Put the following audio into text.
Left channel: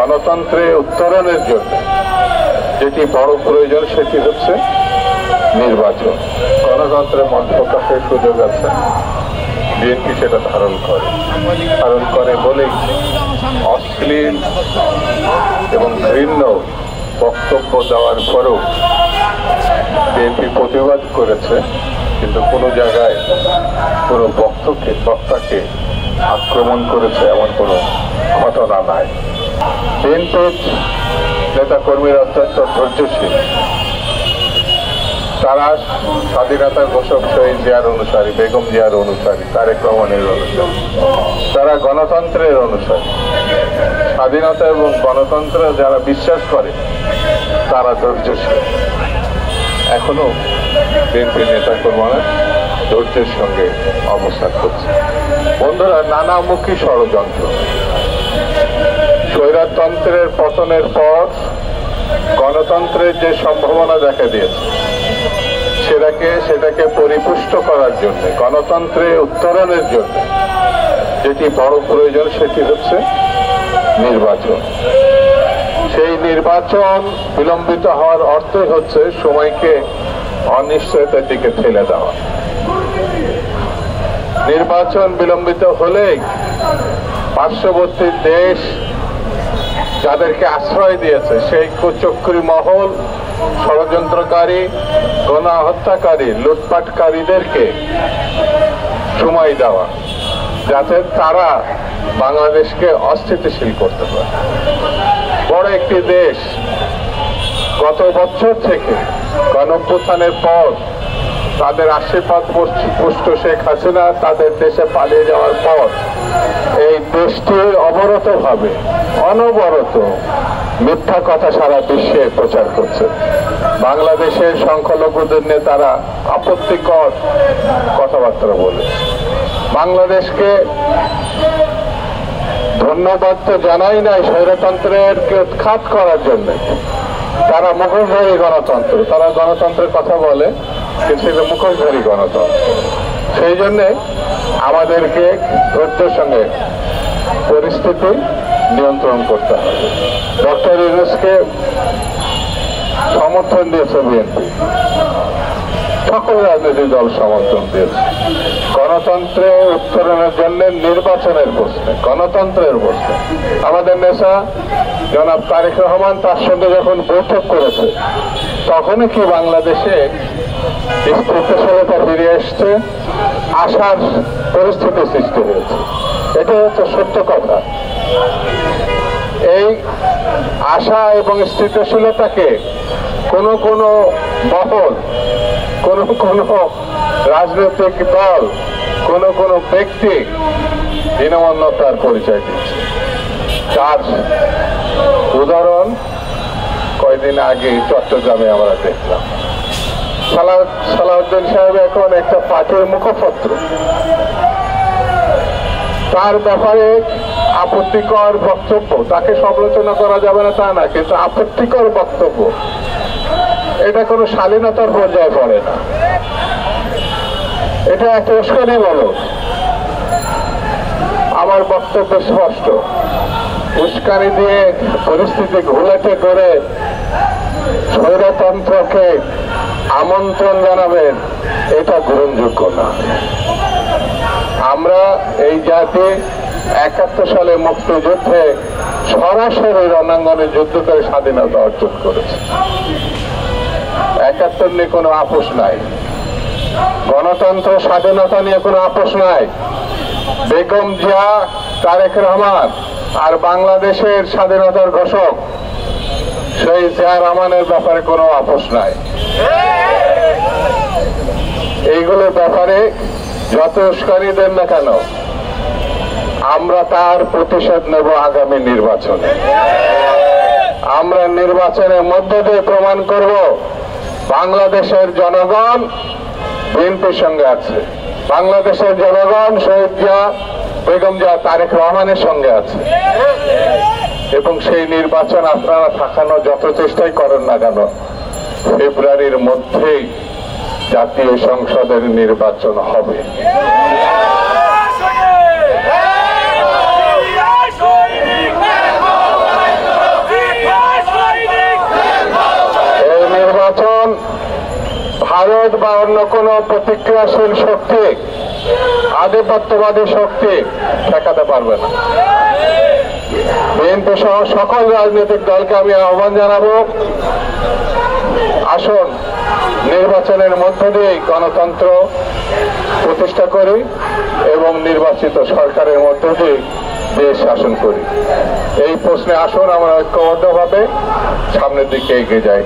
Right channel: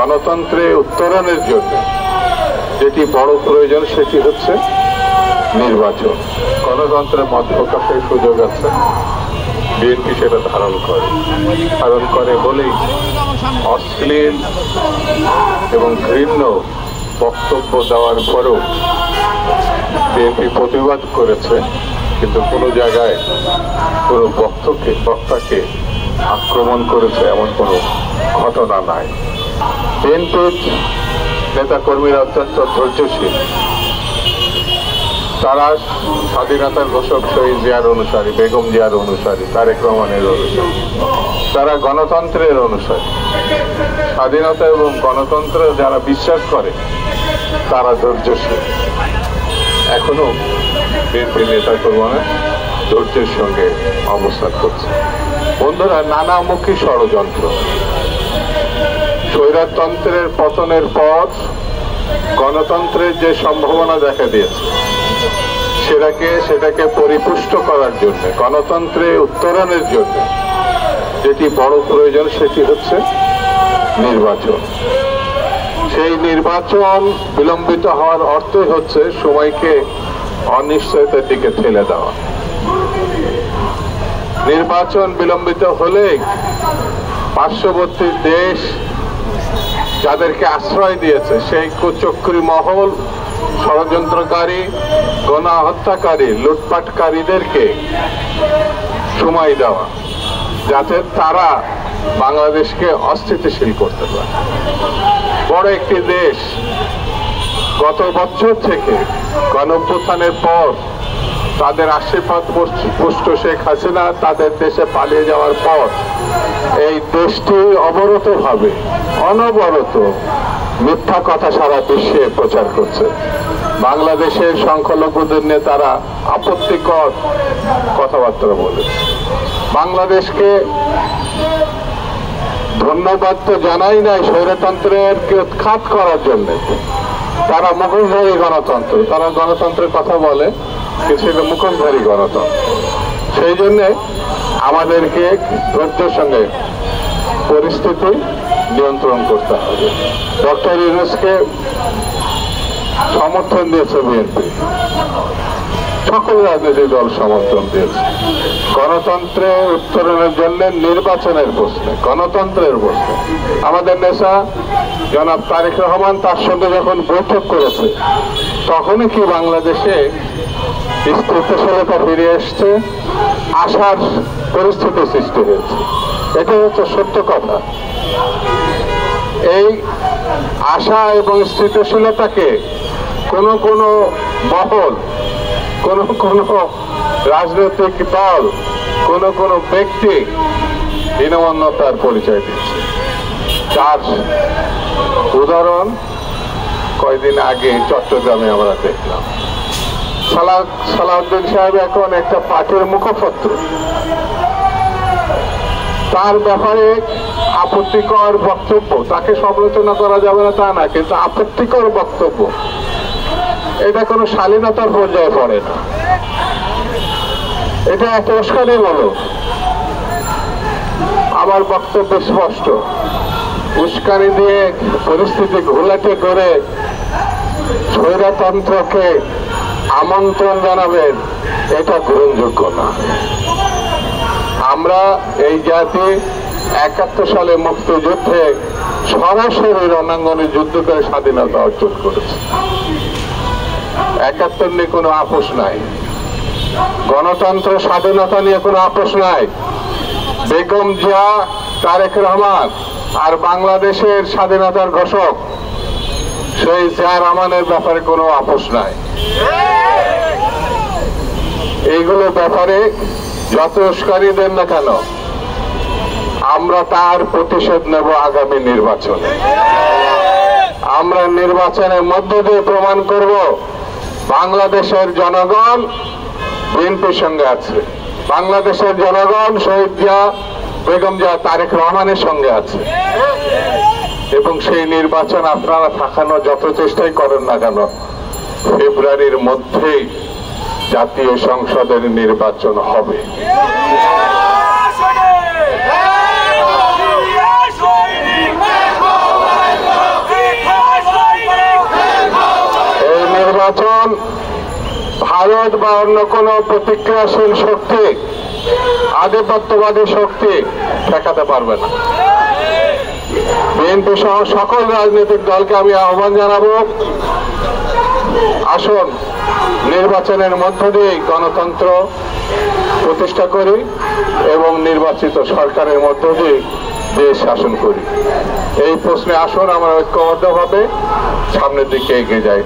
গণতন্ত্রে উত্তরণের জন্য যেটি বড় প্রয়োজন সেটি হচ্ছে নির্বাচন। গণতন্ত্রের মত প্রকাশের সুযোগ আছে, বিএনপি সেটা ধারণ করে বলেই অশ্লীল এবং ঘৃণ্য বক্তব্য দেওয়ার পরেও বিএনপি প্রতিবাদ করেছে, কিন্তু কোনো জায়গায় কোনো বক্তাকে আক্রমণ করেছে এমন কোনো ঘটনা নাই। বিএনপির নেতাকর্মীরা অত্যন্ত ধৈর্যশীল, তারা স্বাধীনতার ঘোষক শহীদ জিয়ার অনুসারী, বেগম জিয়ার অনুসারী, তারেক রহমানের অনুসারী, তারা গণতন্ত্রের অনুসারী। স্বাধীনতা এবং গণতন্ত্রে যারা বিশ্বাস করে তারা ধৈর্যশীল। এখনো বিএনপি নেতাকর্মীরা ধৈর্যের সঙ্গে অবস্থান করছে। বন্ধুরা, নানামুখী ষড়যন্ত্র, স্বৈরতন্ত্রের পতনের পর গণতন্ত্রের যে সম্ভাবনা দেখা দিয়েছে সেটাকে পরিপুষ্ট করার জন্য, গণতন্ত্রে উত্তরণের জন্য যেটি বড় প্রয়োজন সেটি হচ্ছে নির্বাচন। সেই নির্বাচন বিলম্বিত হওয়ার অর্থ হচ্ছে সময়কে অনিশ্চয়তার দিকে ঠেলে দেওয়া। নির্বাচন বিলম্বিত হলে পার্শ্ববর্তী দেশ যাদেরকে আশ্রয় দিয়েছে সেই কুচক্রী মহল, ষড়যন্ত্রকারী, গণহত্যাকারী, লুটপাটকারীদেরকে সময় দেওয়া, যাতে তারা বাংলাদেশকে অস্থিতিশীল করতে পারে। বড় একটি দেশ গত বছর থেকে গণঅভ্যুত্থানের পর তাদের আশীর্বাদ পুষ্ট শেখ হাসিনা তাদের দেশে পালিয়ে যাওয়ার পর এই দেশটি অনবরত মিথ্যা কথা সারা বিশ্বে প্রচার করছে। বাংলাদেশের সংখ্যালঘুদের নেতারা আপত্তিকর কথাবার্তা বলে বাংলাদেশকে ধন্যবাদ তো জানাই নাই স্বৈরতন্ত্রের উৎখাত করার জন্য। তারা মুখোশধারী গণতন্ত্র, তারা গণতন্ত্রের কথা বলে কিন্তু সেটা মুখোশধারী গণতন্ত্র। সেই জন্যে আমাদেরকে ধৈর্যের সঙ্গে পরিস্থিতি নিয়ন্ত্রণ করতে হবে। ডক্টর ইউনূসকে সমর্থন দিয়েছে বিএনপি, সকল রাজনৈতিক দল সমর্থন দিয়েছে। গণতন্ত্রের উত্তরণের জন্য নির্বাচনের প্রশ্নে, গণতন্ত্রের প্রশ্নে আমাদের নেতা জনাব তারেক রহমান তার সঙ্গে যখন বৈঠক করেছে তখনই কি বাংলাদেশে স্থিতিশীলতা ফিরে এসছে, আশার পরিস্থিতি সৃষ্টি হয়েছে। এটা হচ্ছে সত্য কথা। এই আশা এবং স্থিতিশীলতাকে কোনো মহল, কোনো রাজনৈতিক দল, কোনো ব্যক্তি হীনমন্যতার পরিচয় দিচ্ছে। তার উদাহরণ কয়েকদিন আগে চট্টগ্রামে আমরা দেখলাম। সালাউদ্দিন সাহেব এখন একটা পার্টির মুখপত্র, তার ব্যাপারে আপত্তিকর বক্তব্য, তাকে সমালোচনা করা যাবে না তা না, কিন্তু আপত্তিকর বক্তব্য এটা কোনো শালীনতার পর্যায়ে পড়ে না, এটা একটা উস্কানিমূলক। আমার বক্তব্য স্পষ্ট, উস্কানি দিয়ে পরিস্থিতি ঘোলাটে করে স্বৈরতন্ত্রকে আমন্ত্রণ জানাবেন, এটা গ্রহণযোগ্য না। আমরা এই জাতি ৭১ সালে মুক্তিযুদ্ধে সরাসরি রণাঙ্গনে যুদ্ধ করে স্বাধীনতা অর্জন করেছে। ৭১ নিয়ে কোনো আপোষ নাই, গণতন্ত্র স্বাধীনতা নিয়ে কোনো আপোষ নাই। বেগম জিয়া, তারেক রহমান আর বাংলাদেশের স্বাধীনতার ঘোষক সেই জিয়া রহমানের ব্যাপারে কোনো আপোষ নাই। এইগুলো ব্যাপারে যত উস্কানি দেন না কেন, আমরা তার প্রতিশোধ নেব আগামী নির্বাচনে। আমরা নির্বাচনের মধ্য দিয়ে প্রমাণ করব বাংলাদেশের জনগণ বিএনপির সঙ্গে আছে, বাংলাদেশের জনগণ শহীদ জিয়া, বেগম জিয়া, তারেক রহমানের সঙ্গে আছে। এবং সেই নির্বাচন আপনারা ঠেকানোর যত চেষ্টাই করেন না কেন, ফেব্রুয়ারির মধ্যেই জাতীয় সংসদের নির্বাচন হবে। ভারত বা অন্য কোনো প্রতিক্রিয়াশীল শক্তি, আধিপত্যবাদী শক্তি ঠেকাতে পারবে না। বিএনপি সহ সকল রাজনৈতিক দলকে আমি আহ্বান জানাবো, আসুন নির্বাচনের মধ্য দিয়ে গণতন্ত্র প্রতিষ্ঠা করি এবং নির্বাচিত সরকারের মধ্য দিয়ে দেশ শাসন করি। এই প্রশ্নে আসুন আমরা ঐক্যবদ্ধভাবে সামনের দিকে এগিয়ে যাই।